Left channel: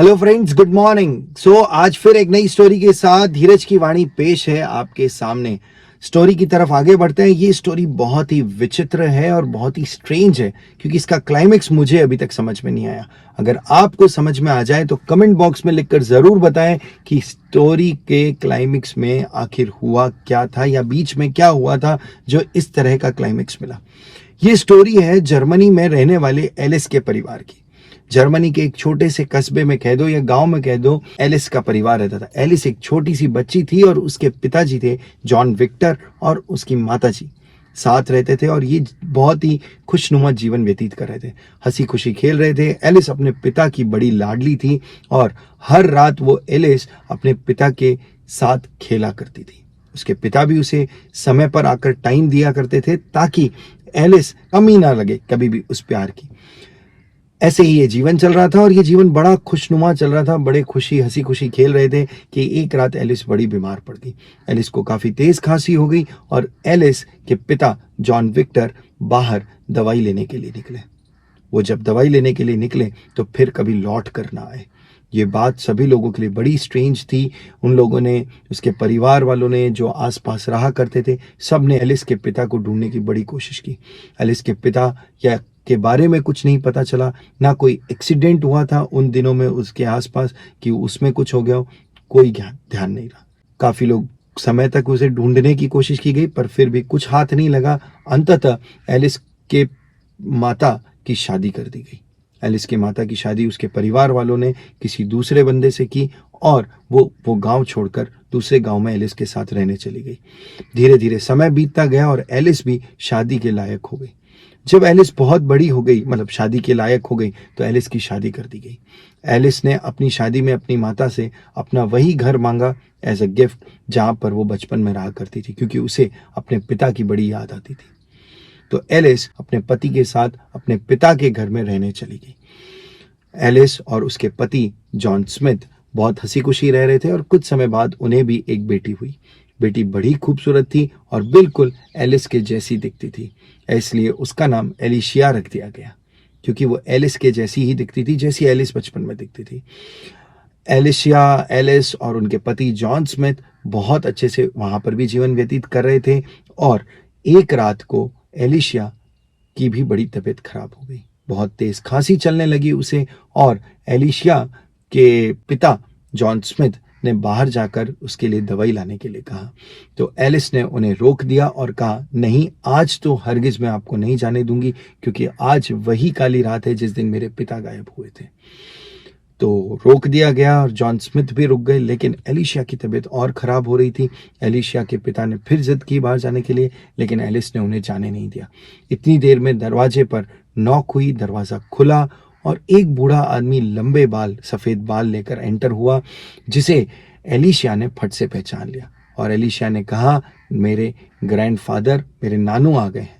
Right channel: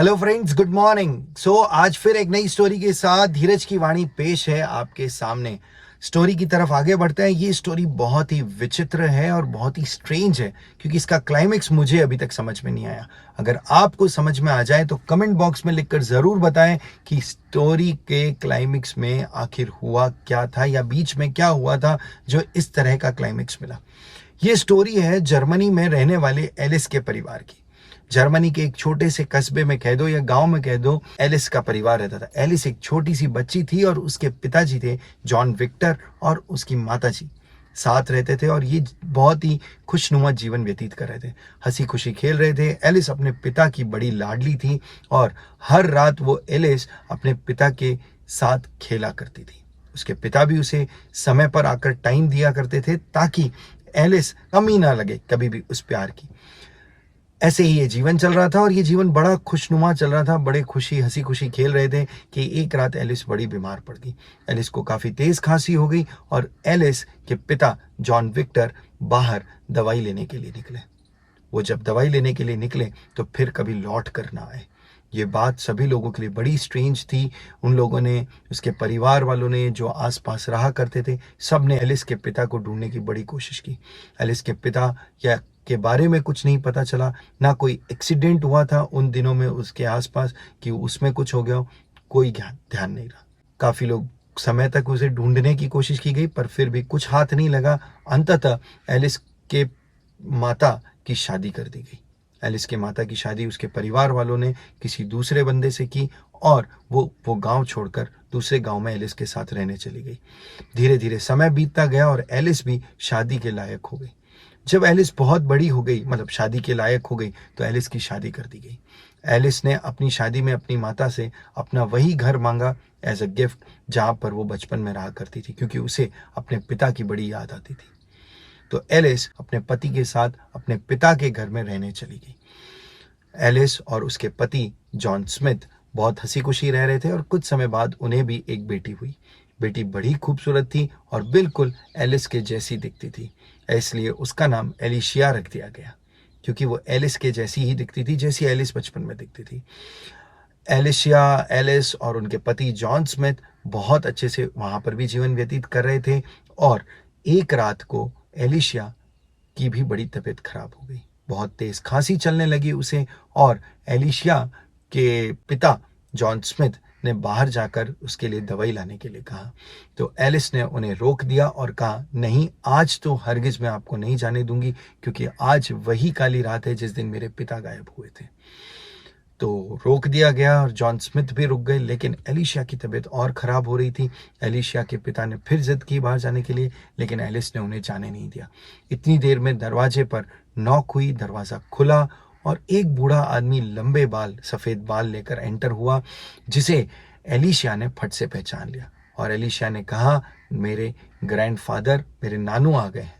Hello friends, good morning. आज फिर एक नई स्टोरी के साथ धीरज की वाणी पेश है आपके सामने। स्टोरी की तरफ आगे बढ़ते हैं। ये स्टोरी बहुत ही विचित्र है और बहुत ही स्ट्रेंज है क्योंकि इसका क्लाइमेक्स मुझे अभी तक समझ में नहीं आया। अगर आपको समझ में आ जाए तो कमेंट बॉक्स में लिखकर जरूर बताएं कि स्टोरी के क्लाइमेक्स में आखिर हुआ क्या था या बीच में क्या हुआ था जो इस तरह का क्लाइमेक्स मिला। ये स्टोरी है जर्मनी में रहने वाले एलिस के परिवार की। जर्मनी के एक छोटे से कस्बे में कह दो या गांव में कह दो, एलिस का परिवार रहता था। एलिस एक छोटी सी बच्ची थी और उसके पिताजी थे जॉन विक्टर और उसकी माताजी साथ रहते थे और ये बहुत ही खुशनुमा जीवन व्यतीत कर रहे थे, हंसी खुशी खेल रहे थे। एलिस अपने पिता की बड़ी लाडली थी और हर रात वो एलिस अपने पिता के साथ खेला करती थी। उसके पिता भी उसे समय पर आकर टाइम दिया करते थे ताकि एलिस कमी ना लगे कभी भी उस प्यार की। ऐसे ही ये जीवन चल रहा था और ये जीवन बड़ा खुशनुमा चल रहा था। बड़े खुशी हंसी खुशी खेल रहे थे कि एक रात एलिस बड़ी बीमार पड़ गई। एलिस को काफी तेज खांसी हो गई और एलिस के पिता जॉन विक्टर बाहर दवाई लेने के लिए निकले। वो जब दवाई लेने के लिए निकले तो फिर कभी लौट कर ना आए। ये बात सभी लोगों के लिए बड़ी स्ट्रेंज थी। उन लोगों ने, उसके परिवार वालों ने, जो आसपास रहा करते थे, सब ने एलिस के पिता को ढूंढने की बड़ी कोशिश की। एलिस के पिता या के बारे में कुछ नहीं पता चला, ना कोई एक्सीडेंट हुआ था उन दिनों में उसके आसपास कि उसमें कुछ हो गया हो, कोई ध्यान नहीं रहा। काफी लोग समय तक उसे ढूंढने की कोशिश की गई पर फिर भी कुछ हाथ नहीं लगा। अंततः एलिस के माता की शादी कर दी गई। एलिस के माता की शादी उसके परिवार वालों ने किसी दूसरे बंदे से की और वो गांव छोड़कर दूसरे गांव में एलिस के साथ रहने चली गई। धीरे धीरे समय बीतता गया और एलिस भी शादी के लायक हो गई। जब एलिस बहुत बड़ी हो गई, मतलब शादी के लायक हो गई, तो एलिस की शादी कर दी गई। एलिस ने अपनी शादी में अपनी माता से अपना वही घर मांगा एज अ गिफ्ट जहां पर वो बचपन में रहा करती थी, क्योंकि उसे अपने पिता की बड़ी याद आती थी। तो एलिस अपने पति के साथ अपने पिता के घर में रहने चली गई। एलिस और उसके पति जॉन स्मिथ बहुत हंसी खुशी रह रहे थे और कुछ समय बाद उन्हें भी एक बेटी हुई। बेटी बड़ी खूबसूरत थी और बिल्कुल एलिस के जैसी दिखती थी, इसलिए उसका नाम एलिशिया रख दिया गया, क्योंकि वो एलिस के जैसी ही दिखती थी जैसी एलिस बचपन में दिखती थी। एलिशिया, एलिस और उनके पति जॉन स्मिथ बहुत अच्छे से वहां पर भी जीवन व्यतीत कर रहे थे और एक रात को एलिशिया की भी बड़ी तबीयत खराब हो गई। बहुत तेज खांसी चलने लगी उसे और एलिशिया के पिता जॉन स्मिथ ने बाहर जाकर उसके लिए दवाई लाने के लिए कहा। तो एलिस ने उन्हें रोक दिया और कहा, नहीं, आज तो हरगिज मैं आपको नहीं जाने दूंगी, क्योंकि आज वही काली रात है जिस दिन मेरे पिता गायब हुए थे। तो रोक दिया गया और जॉन स्मिथ भी रुक गए, लेकिन एलिशिया की तबीयत और खराब हो रही थी। एलिशिया के पिता ने फिर जिद की बाहर जाने के लिए, लेकिन एलिस ने उन्हें जाने नहीं दिया। इतनी देर में दरवाजे पर नॉक हुई, दरवाजा खुला और एक बूढ़ा आदमी लंबे बाल, सफेद बाल लेकर एंटर हुआ, जिसे एलिशिया ने फट से पहचान लिया। और एलिशिया ने कहा, मेरे ग्रैंडफादर, मेरे नानू आ गए हैं।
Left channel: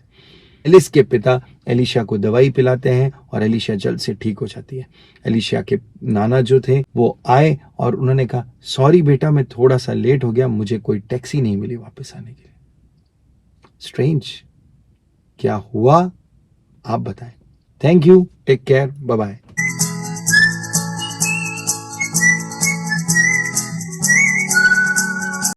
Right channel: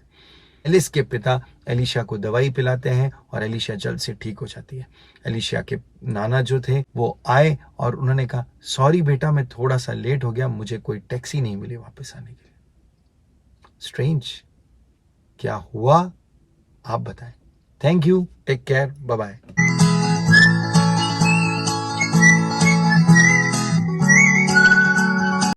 एलिस के पिता एलिशिया को दवाई पिलाते हैं और एलिशिया जल्द से ठीक हो जाती है। एलिशिया के नाना जो थे वो आए और उन्होंने कहा, सॉरी बेटा, मैं थोड़ा सा लेट हो गया, मुझे कोई टैक्सी नहीं मिली वापस आने के लिए। स्ट्रेंज, क्या हुआ आप बताएं। Thank you, take care, bye bye.